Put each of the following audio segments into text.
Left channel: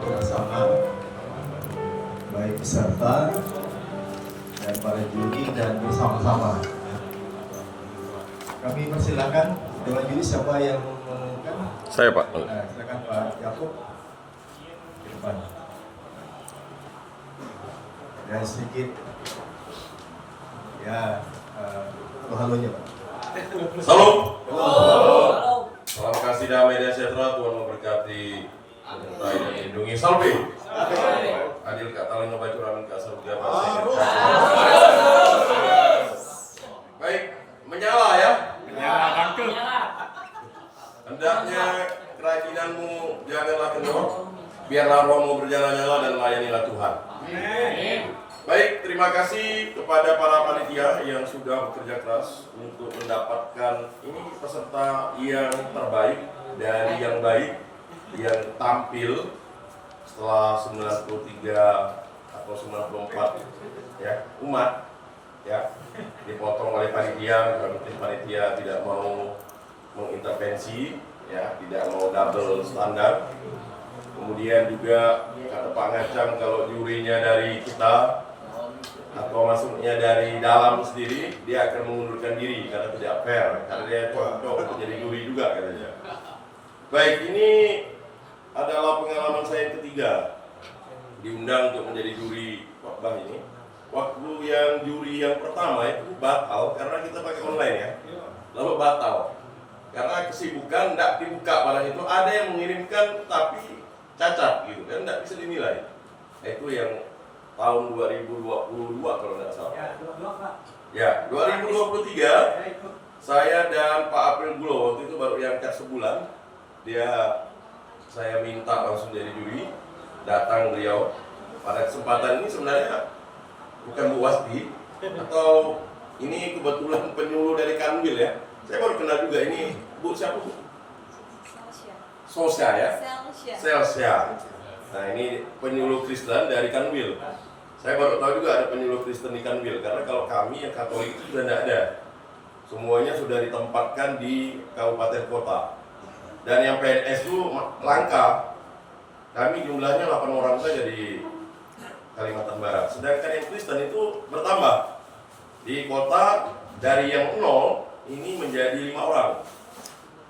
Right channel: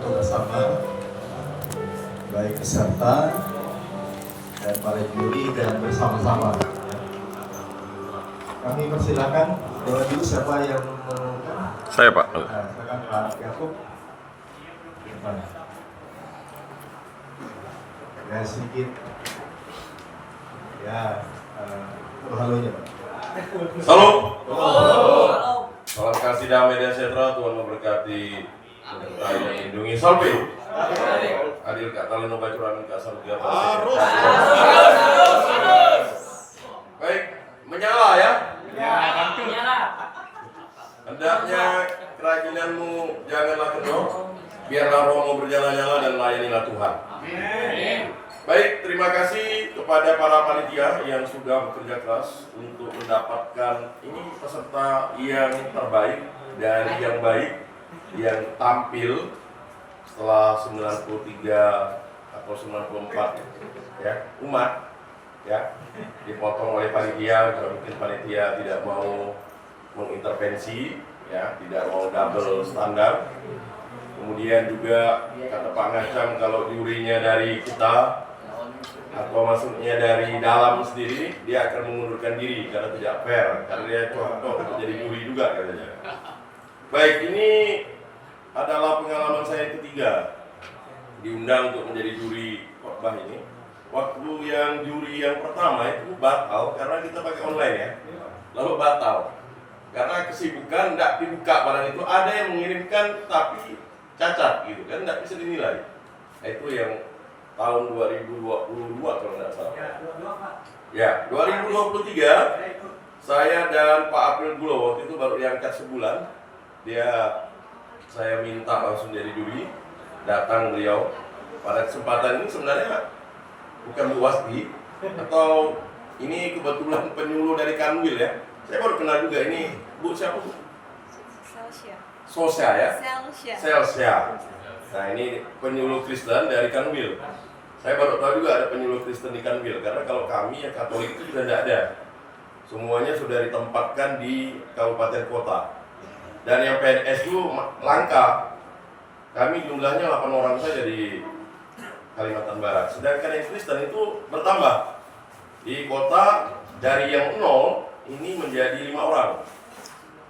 bersama baik peserta dan para juri dan bersama-sama. Kami persilakan dengan juri siapa yang mengumumkan? Saya, Pak. Silakan Pak Yakub. Ya sedikit. Ya, halonya Pak. Halo. Salam kasih damai dan sejahtera, Tuhan memberkati, melindungi salve. Adil kata leno bacuran ke asal tiga. Baik, menyala ya. Menyala. Hendaknya kerajinanmu janganlah kendor, biarlah rohmu berjalan-nyala dan layanilah Tuhan. Baik, terima kasih kepada para panitia yang sudah bekerja keras untuk mendapatkan ini peserta yang terbaik dari yang baik yang tampil setelah 93 atau 94 ya umat ya dipotong oleh panitia. Mungkin panitia tidak mau mengintervensi ya, tidak mau double standar. Kemudian juga kata Pak Ngacam, kalau jurinya dari kita atau masuknya dari dalam sendiri, dia akan mengundurkan diri karena tidak fair, karena dia cocok untuk jadi juri juga katanya. Baik, ini adalah pengalaman saya yang ketiga diundang untuk menjadi juri khotbah ini. Waktu yang juri yang pertama itu batal karena kita pakai online ya, lalu batal karena kesibukan, tidak dibuka barang itu, ada yang mengirimkan tapi cacat gitu kan, tidak bisa dinilai. Itu yang tahun 2022 kalau tidak salah. Ya, 2023 saya dan Pak April Gulo waktu itu baru diangkat sebulan. Saya minta langsung jadi juri, datang beliau. Pada kesempatan ini sebenarnya bukan Bu Wasti atau ini kebetulan penyuluh dari Kanwil ya. Saya baru kenal juga ini Bu siapa Bu? Sosya ya? Selsya. Nah ini penyuluh Kristen dari Kanwil. Saya baru tahu juga ada penyuluh Kristen di Kanwil, karena kalau kami yang Katolik itu sudah tidak ada. Semuanya sudah ditempatkan di kabupaten kota. Dan yang PNS itu langka. Kami jumlahnya 8 orang saja di Kalimantan Barat. Sedangkan yang Kristen itu bertambah. Di kota dari yang 0 ini menjadi 5 orang.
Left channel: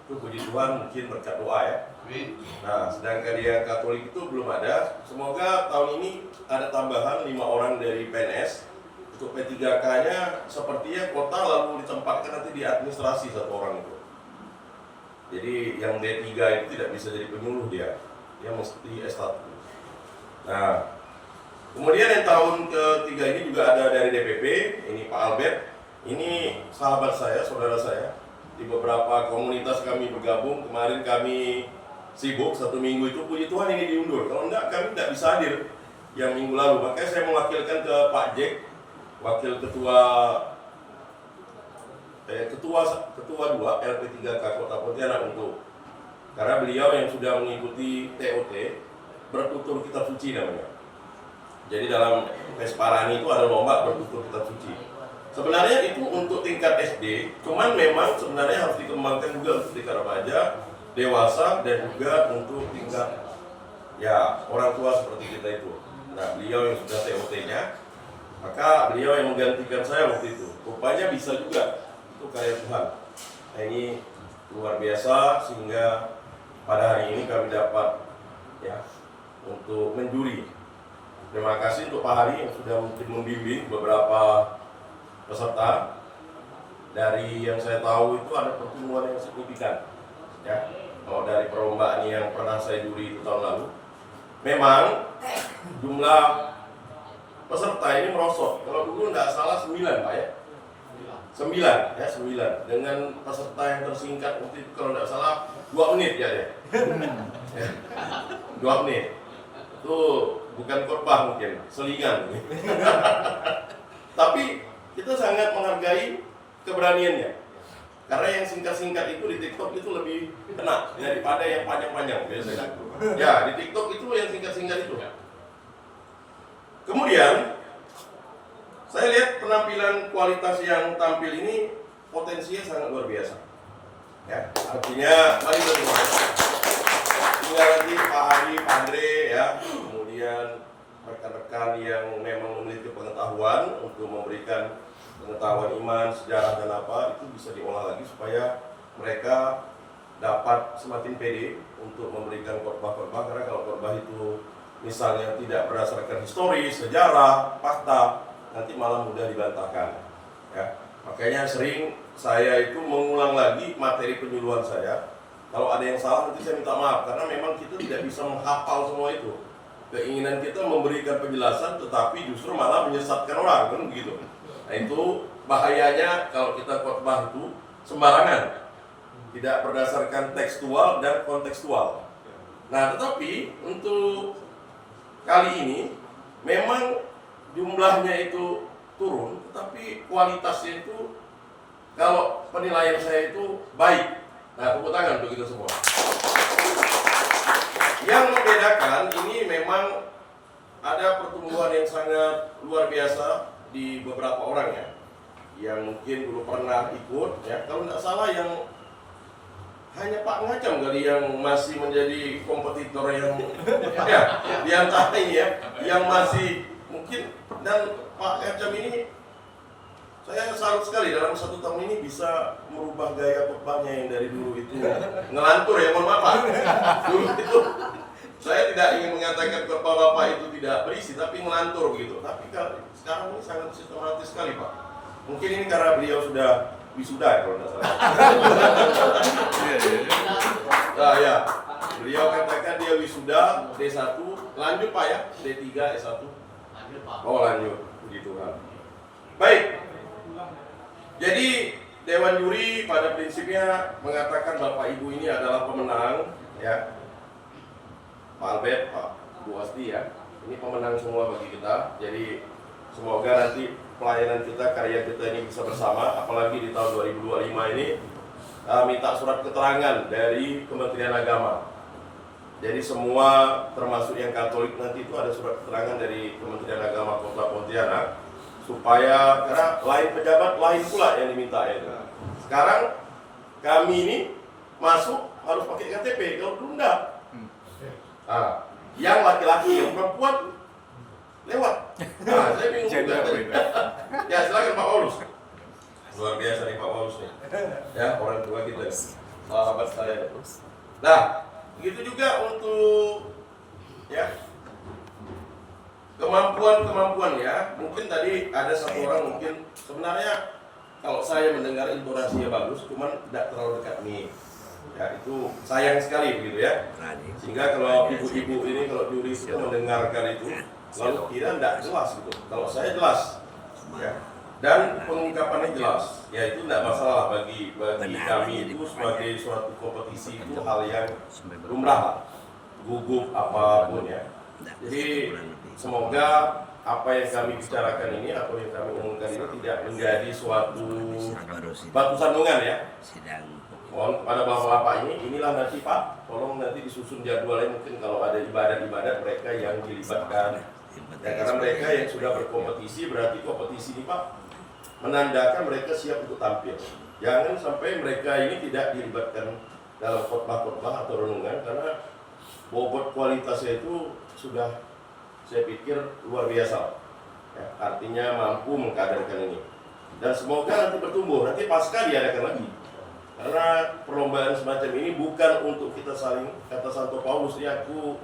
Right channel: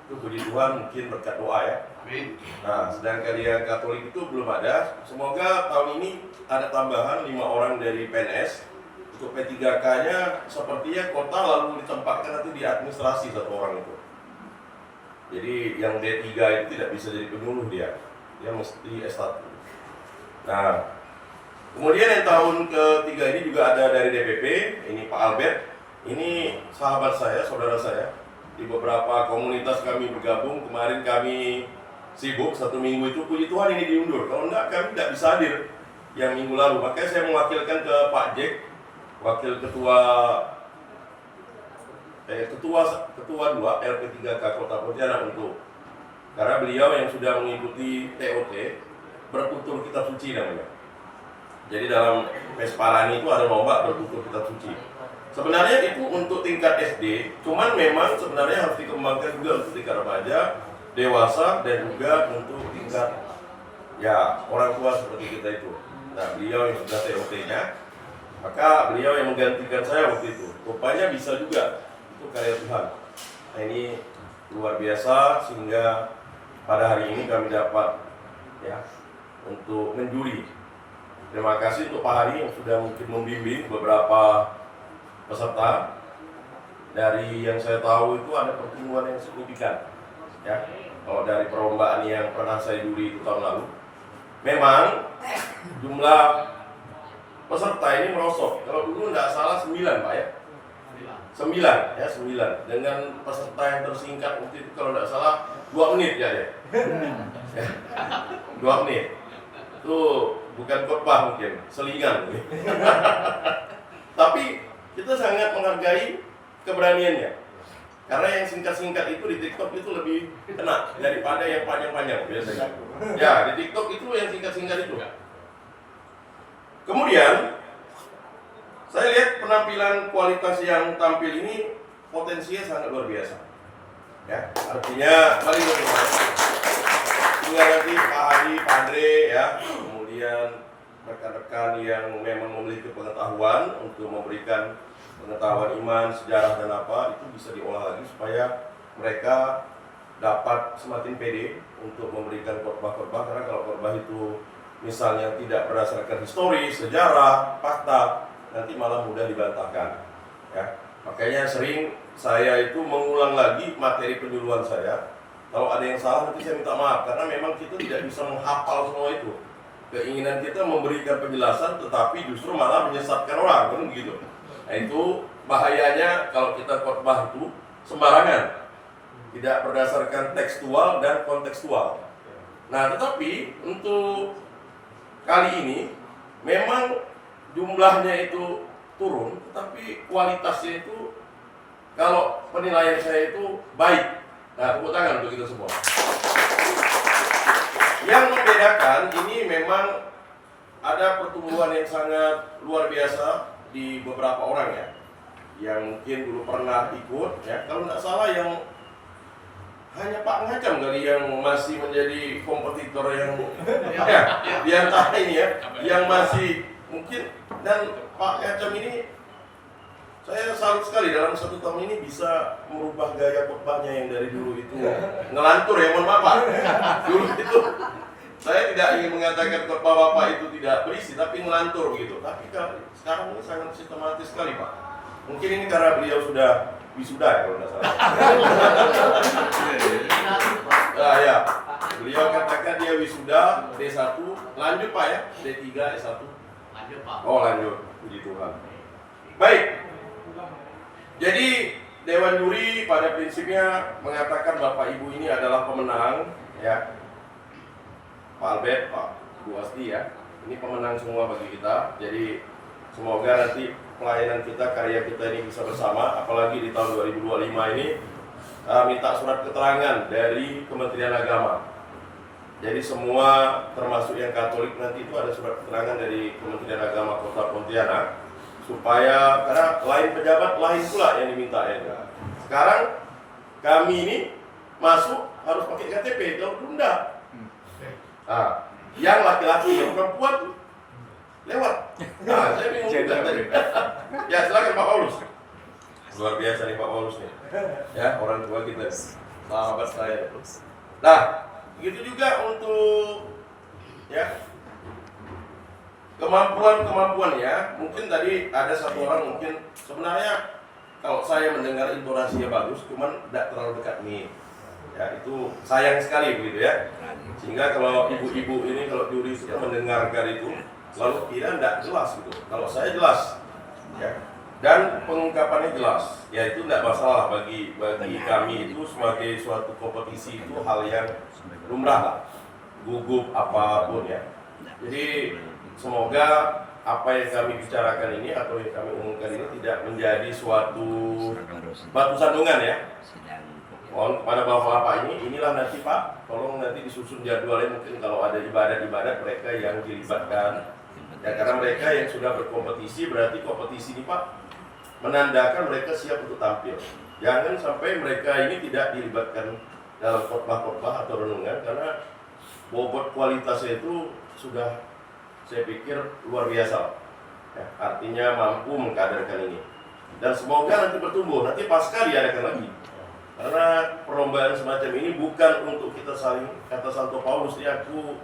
Itu puji Tuhan, mungkin berkat doa ya. Nah, sedangkan dia Katolik itu belum ada. Semoga tahun ini ada tambahan 5 orang dari PNS. Untuk P3K-nya sepertinya kota lalu ditempatkan nanti di administrasi 1 orang itu. Jadi yang D3 itu tidak bisa jadi penyuluh dia mesti S1. Nah, kemudian yang tahun ketiga ini juga ada dari DPP. Ini Pak Albert. Ini sahabat saya, saudara saya. Di beberapa komunitas kami bergabung. Kemarin kami sibuk 1 minggu itu, puji Tuhan ini diundur. Kalau enggak, kami tidak bisa hadir yang minggu lalu. Makanya saya mewakilkan ke Pak Jack, wakil ketua 2 LP3K Kota Pontianak karena beliau yang sudah mengikuti TOT bertutur kitab suci namanya. Jadi dalam Vesparani itu ada lomba bertutur kitab suci. Sebenarnya itu untuk tingkat SD, cuman memang sebenarnya harus dikembangkan juga untuk tingkat remaja, dewasa, dan juga untuk tingkat ya orang tua seperti kita itu. Nah, beliau yang sudah TOT-nya, maka beliau yang menggantikan saya waktu itu. Rupanya bisa juga, itu karya Tuhan. Nah, ini luar biasa sehingga pada hari ini kami dapat ya untuk menjuri. Terima kasih untuk Pak Hari yang sudah mungkin membimbing beberapa peserta. Dari yang saya tahu itu ada pertumbuhan yang signifikan ya. Kalau dari perlombaan yang pernah saya juri tahun lalu, memang jumlah peserta ini merosot. Kalau dulu tidak salah 9 Pak ya, 9 dengan peserta yang tersingkat waktu itu kalau tidak salah 2 menit ya. 2 menit itu bukan khotbah mungkin, selingan. Tapi kita sangat menghargai keberaniannya. Karena yang singkat-singkat itu di TikTok itu lebih kena daripada yang panjang-panjang biasanya. Ya, di TikTok itu yang singkat-singkat itu. Kemudian saya lihat penampilan kualitas yang tampil ini potensinya sangat luar biasa. Ya, artinya mari kita tinggal nanti Pak Hadi, Pak Andre ya, kemudian rekan-rekan yang memang memiliki pengetahuan untuk memberikan pengetahuan iman, sejarah dan apa, itu bisa diolah lagi supaya mereka dapat semakin pede untuk memberikan khotbah-khotbah. Karena kalau khotbah itu misalnya tidak berdasarkan historis, sejarah, fakta, nanti malah mudah dibantahkan. Ya, makanya sering saya itu mengulang lagi materi penyuluhan saya. Kalau ada yang salah nanti saya minta maaf, karena memang kita tidak bisa menghafal semua itu. Keinginan kita memberikan penjelasan, tetapi justru malah menyesatkan orang, kan begitu. Nah itu bahayanya kalau kita khotbah itu sembarangan, tidak berdasarkan tekstual dan kontekstual. Nah tetapi untuk kali ini memang jumlahnya itu turun, tetapi kualitasnya itu kalau penilaian saya itu baik. Nah, tepuk tangan untuk kita semua. Yang membedakan ini memang ada pertumbuhan yang sangat luar biasa di beberapa orang ya, yang mungkin belum pernah ikut ya. Kalau tidak salah yang hanya Pak Ngacam kali yang masih menjadi kompetitor yang ya, di antara ini ya, yang masih mungkin. Dan Pak Ngacam ini saya salut sekali dalam 1 tahun ini bisa merubah gaya khotbahnya yang dari dulu itu ngelantur ya, mohon maaf Pak. Dulu itu saya tidak ingin mengatakan khotbah Bapak itu tidak berisi, tapi ngelantur begitu. Tapi kalau sekarang ini sangat sistematis sekali Pak. Mungkin ini karena beliau sudah wisuda ya kalau tidak salah. Nah ya, beliau katakan dia wisuda D1, lanjut Pak ya, D3, D1. Lanjut Pak. Oh lanjut, puji Tuhan. Baik. Jadi Dewan Juri pada prinsipnya mengatakan Bapak Ibu ini adalah pemenang ya. Pak Albert, Pak Bu Asti ya. Ini pemenang semua bagi kita. Jadi semoga nanti pelayanan kita, karya kita ini bisa bersama. Apalagi di tahun 2025 ini minta surat keterangan dari Kementerian Agama. Jadi semua termasuk yang Katolik nanti itu ada surat keterangan dari Kementerian Agama Kota Pontianak. Supaya, karena lain pejabat lain pula yang diminta ya. Sekarang kami ini masuk harus pakai KTP, kalau belum enggak. Nah, yang laki-laki, yang perempuan lewat. Nah, saya bingung juga tadi. Ya silakan Pak Paulus. Luar biasa nih Pak Paulus nih. Ya orang tua kita, sahabat saya. Nah, begitu juga untuk ya kemampuan ya. Mungkin tadi ada satu orang mungkin sebenarnya kalau saya mendengar intonasinya bagus, cuman tidak terlalu dekat nih. Ya itu sayang sekali begitu ya. Sehingga kalau ibu-ibu ini kalau juri itu mendengarkan itu lalu kira tidak jelas gitu. Kalau saya jelas ya. Dan pengungkapannya jelas. Ya itu tidak masalah bagi kami itu sebagai suatu kompetisi itu hal yang lumrah lah. Gugup apapun ya. Jadi semoga apa yang kami bicarakan ini atau yang kami umumkan ini tidak menjadi suatu batu sandungan ya. Mohon kepada bapak-bapak inilah nanti Pak, tolong nanti disusun jadwalnya, mungkin kalau ada ibadat-ibadat mereka yang dilibatkan. Ya karena mereka yang sudah berkompetisi, berarti kompetisi ini Pak menandakan mereka siap untuk tampil. Jangan sampai mereka ini tidak dilibatkan dalam khotbah-khotbah atau renungan, karena bobot kualitasnya itu sudah saya pikir luar biasa ya, artinya mampu mengkaderkan ini. Dan semoga nanti bertumbuh, nanti pasca diadakan lagi. Karena perlombaan semacam ini bukan untuk kita saling, kata Santo Paulus ya, aku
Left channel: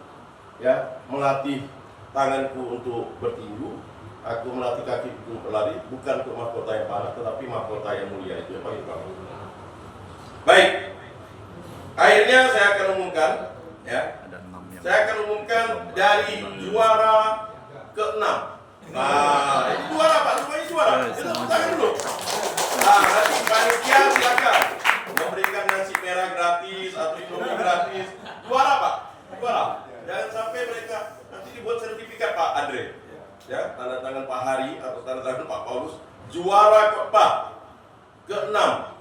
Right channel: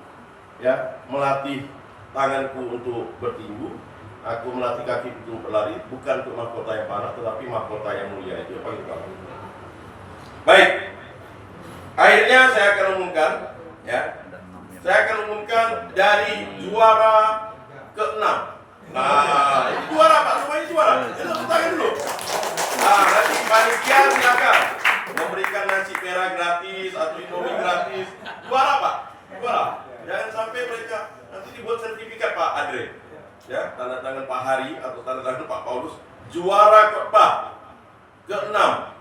ya melatih tanganku untuk bertinju, aku melatih kaki untuk berlari, bukan untuk mahkota yang panah, tetapi mahkota yang mulia. Itu yang paling utama. Baik, akhirnya saya akan umumkan ya. Saya akan umumkan dari juara ke-6. Nah, ini juara Pak, semuanya juara. Kita tepuk tangan dulu. Nah, nanti panitia silakan memberikan nasi merah gratis atau indomie gratis. Juara Pak, juara. Jangan sampai mereka nanti dibuat sertifikat Pak Andre. Ya, tanda tangan Pak Hari atau tanda tangan Pak Paulus. Juara khotbah ke-6.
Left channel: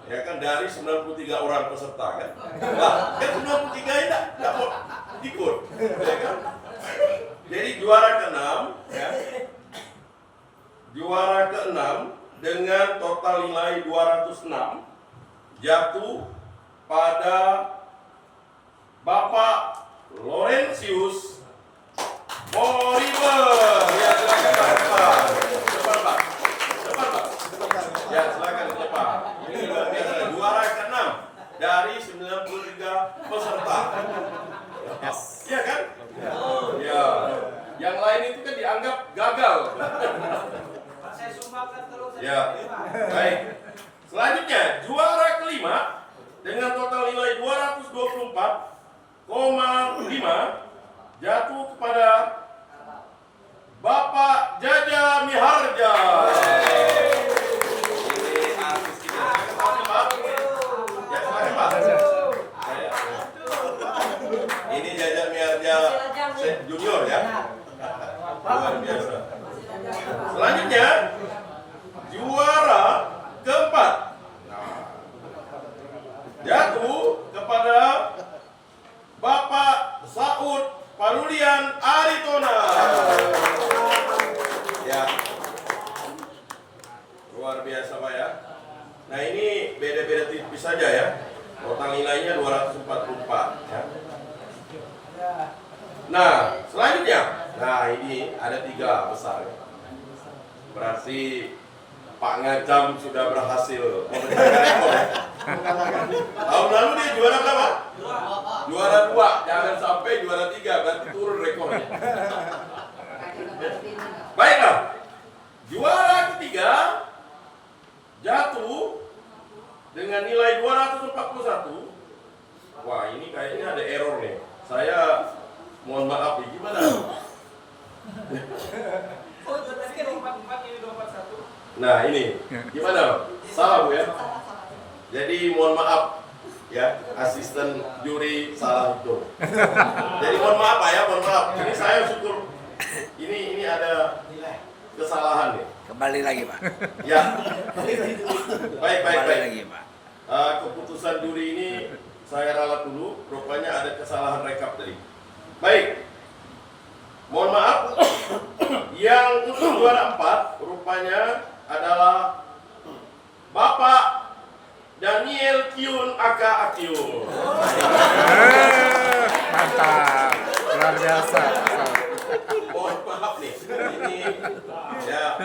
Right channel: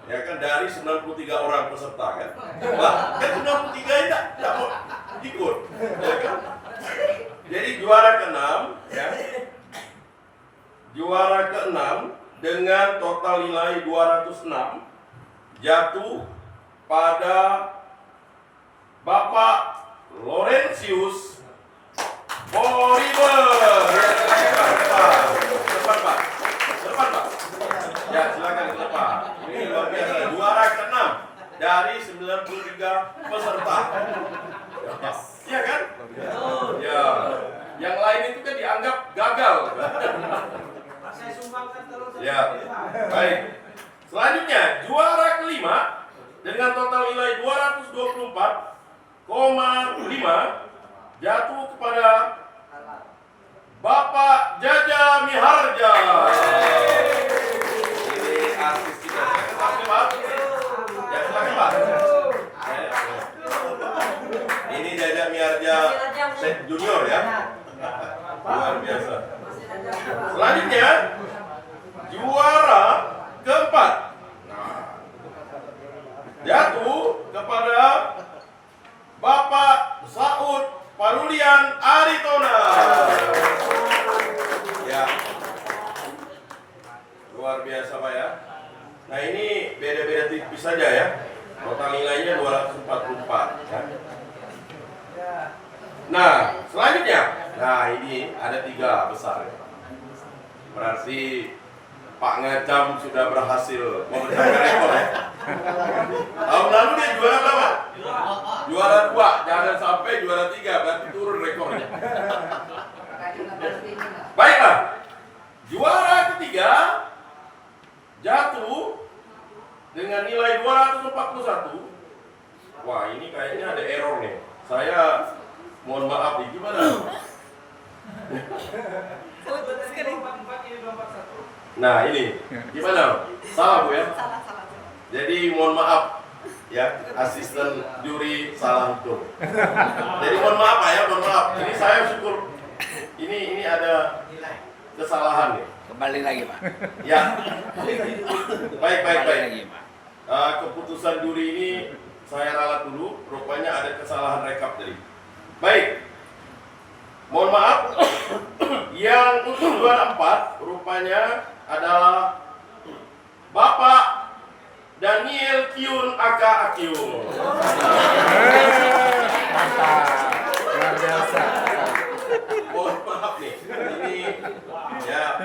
Ya kan dari 93 orang peserta kan. Wah, kan 93 tidak mau ikut. Ya kan? Jadi juara ke-6 ya. Juara ke-6 dengan total nilai 206 jatuh pada Bapak Laurentius Boy. jatuh kepada Bapak Jaja Miharja. Ini artis kita. Silakan Pak. Ya, silakan Pak. Ini Jaja Miharja Junior ya. Luar biasa. Selanjutnya juara keempat. Nah, jatuh kepada Bapak Saud Parulian Aritona. Ya. Luar biasa Pak ya. Nah ini beda-beda tipis saja ya. Total nilainya 244 ya. Nah selanjutnya, nah ini ada 3 besar. Berarti Pak Ngacam sudah berhasil memecahkan rekor ya. Tahun lalu dia juara berapa? Juara 2, jangan sampai juara 3, berarti turun rekornya. Baiklah, juara ketiga jatuh dengan nilai 241. Wah ini kayaknya ada error nih. Saya mohon maaf nih, gimana? Nah ini, gimana? Salah Bu ya? Jadi mohon maaf ya, asisten juri salah hitung. Jadi mohon maaf Pak ya, mohon maaf. Ini saya syukur ini ada kesalahan nih. Kembali lagi Pak. Ya. Baik. Lagi, Pak. Keputusan juri ini saya ralat dulu. Rupanya ada kesalahan rekap tadi. Baik. Mohon maaf. Yang untuk juara 4 rupanya adalah Bapak Daniel Kyun Aka Akyun. Mantap. Luar biasa. Mohon maaf nih. Ini ya.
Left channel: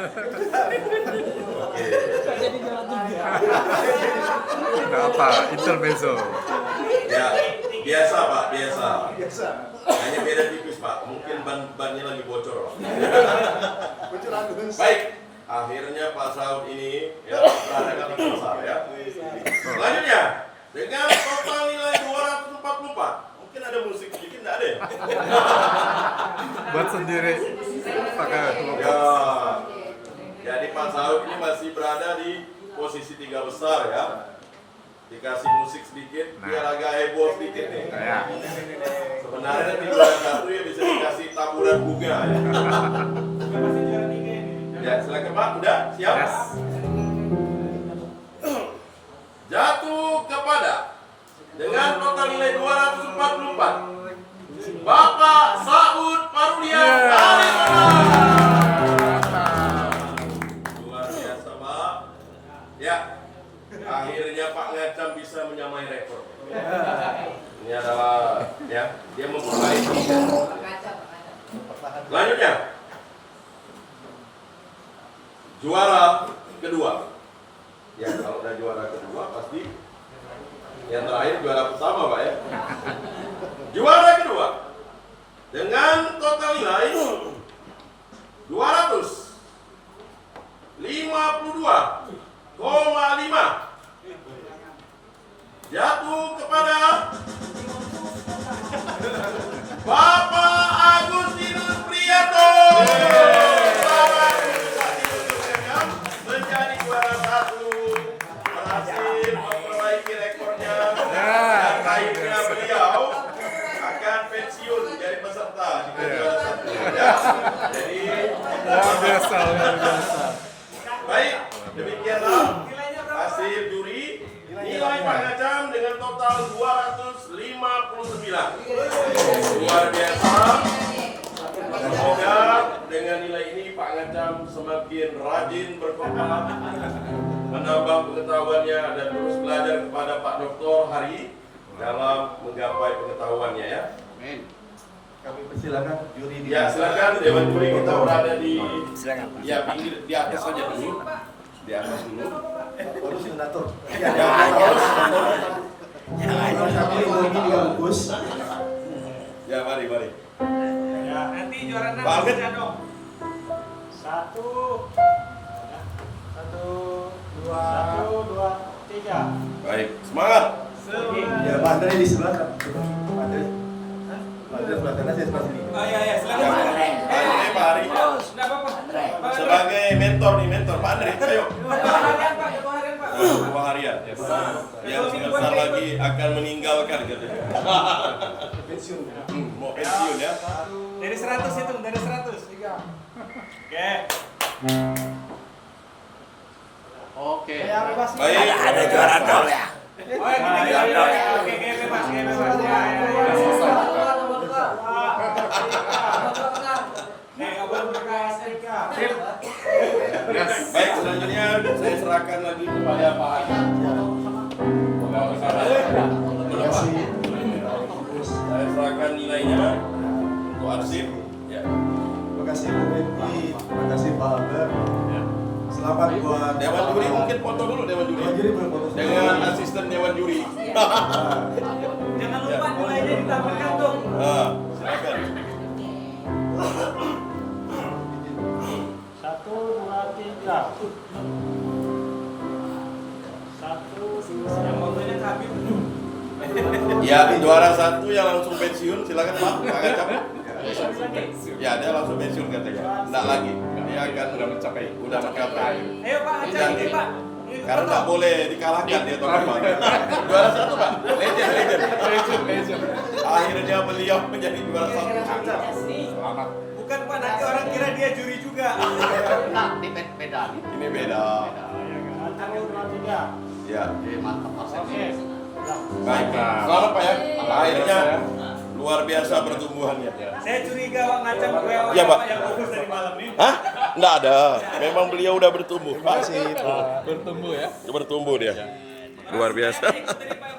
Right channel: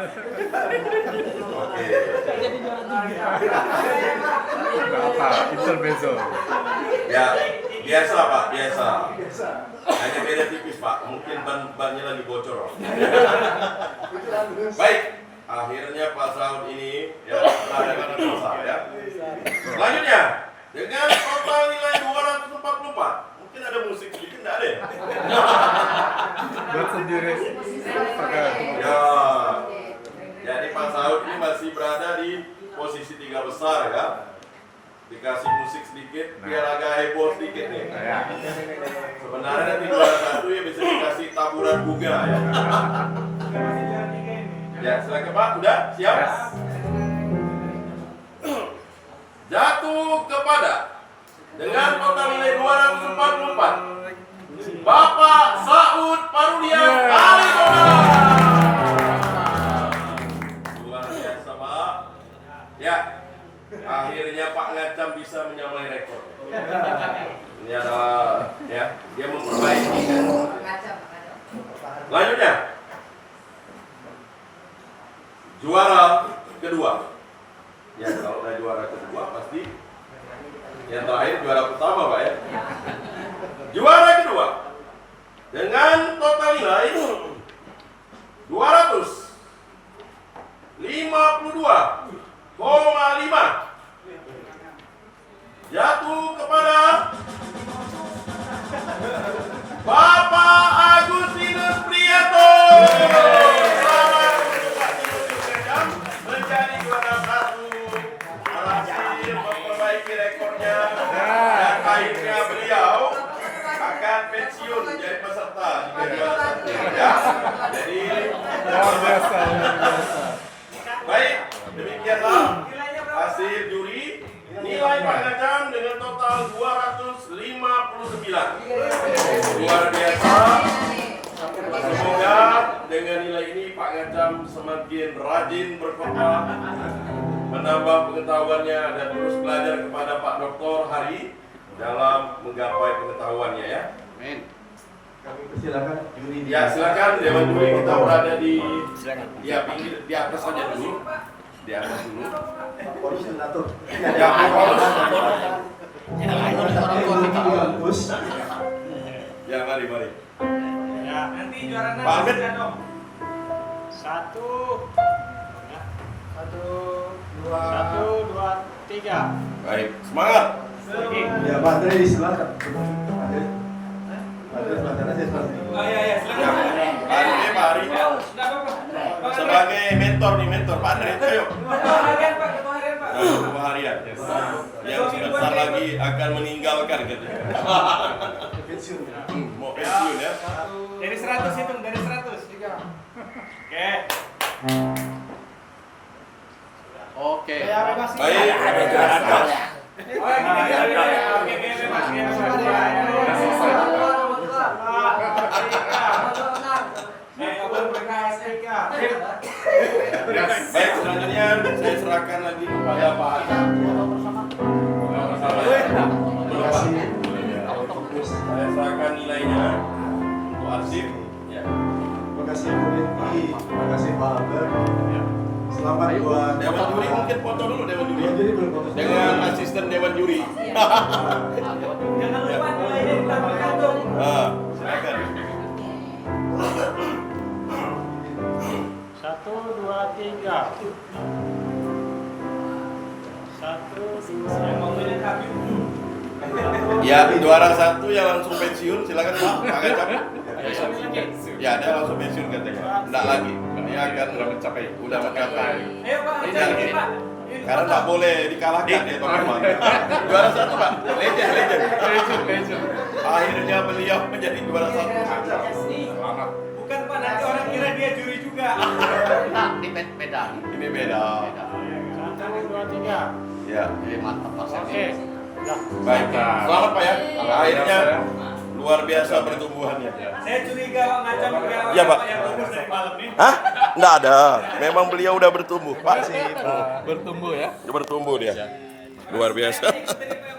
Oke. Apa? Intermezzo. Ya, biasa Pak, biasa. Hanya beda tipis Pak, mungkin bannya lagi bocor. Baik, akhirnya Pak Saud ini ya berada dengan besar ya. Selanjutnya, dengan total nilai 244. Mungkin ada musik sedikit, enggak ada ya? Buat sendiri. Ya. Jadi Pak Saud ini masih berada di posisi 3 besar ya. Dikasih musik sedikit biar agak heboh sedikit nih. Sebenarnya di juara 1 ya bisa dikasih taburan bunga ya. Ya silakan Pak, udah siap? Jatuh kepada dengan total nilai 244 Bapak Saud Parulian Aritona. Luar biasa Pak. Ya. Akhirnya Pak Ngacam bisa menyamai rekor. Ini adalah ya, dia memperbaiki. Selanjutnya, juara kedua. Ya kalau udah juara kedua pasti yang terakhir juara pertama Pak ya. Juara kedua dengan total nilai 252,5 jatuh kepada Bapak Agustinus Priyato. Selamat untuk Pak Agustinus menjadi juara 1, berhasil memperbaiki rekornya dan akhirnya beliau akan pensiun menjadi peserta jika juara 1 ya. Jadi Luar biasa. baik, demikianlah hasil juri. Nilai Pak Ngacam dengan total 259. Luar biasa. Semoga dengan nilai ini Pak Ngacam semakin rajin berkompet, menambah pengetahuannya dan terus belajar kepada Pak Dr. Hari dalam menggapai pengetahuannya ya. Amin. Kami persilakan juri. Ya silakan Dewan Juri kita berada di Silakan Pak. ya pinggir di atas saja dulu. Di atas dulu. Polisi Natur. Ya Pak Paulus. Tapi ini bagus. Ya mari. Ya, nanti juara Pak Ahmed. dong. 1 2 3. Baik, semangat. Ya Pak Andre disilakan. Andre sebelah kanan Andre seperti ini. Oh iya, iya, Ya, silakan. Pak Andre, Pak Hari. Enggak apa-apa. Sebagai mentor nih, mentor. Pak Andre, ayo. Dua harian, Pak. Dua harian, Pak. Dua harian. Yang sebentar lagi akan meninggalkan katanya. Mau pensiun ya. Dari 100 itu, dari 100. Tiga. Oke. Oke. Ya, bebas. Baik. Oh, ini ya. Oke, bebas. Baik, selanjutnya saya serahkan lagi kepada Pak Hari. Bersama ya. Belum Pak. Saya serahkan nilainya untuk arsip. Ya. Terima kasih Bu Betty, terima kasih Pak Albert. Selamat buat Dewan juri mungkin foto dulu Dewan juri. Dewan juri belum foto. Dengan asisten Dewan juri. Jangan lupa nilainya ditambah kantong. Silakan. 1, 2, 3. 1, 2. Yang mau tulis Habib. Ya, juara satu yang langsung pensiun, silakan Pak. Agak capek. Ya, dia langsung pensiun katanya. Enggak lagi. Dia akan Udah mencapai. udah mencapai. Ayo Pak, Iya. ini Pak. Karena enggak boleh dikalahkan dia teman-teman. Juara satu Pak. Legend. Akhirnya beliau menjadi juara satu. Selamat. Bukan Pak, nanti orang kira dia juri juga. Nah, ini beda. Ini beda. 1, 2, 3. Ya. Mantap Pak Oke. Semi. Udah. Baik. Selamat Pak ya. Akhirnya luar biasa pertumbuhannya. Saya curiga macam pegawai Iya, Pak. yang fokus dari malam ini. Hah? Enggak ada. Memang beliau udah bertumbuh. Pak sih. Bertumbuh ya. Bertumbuh dia. Luar biasa. Dari Pak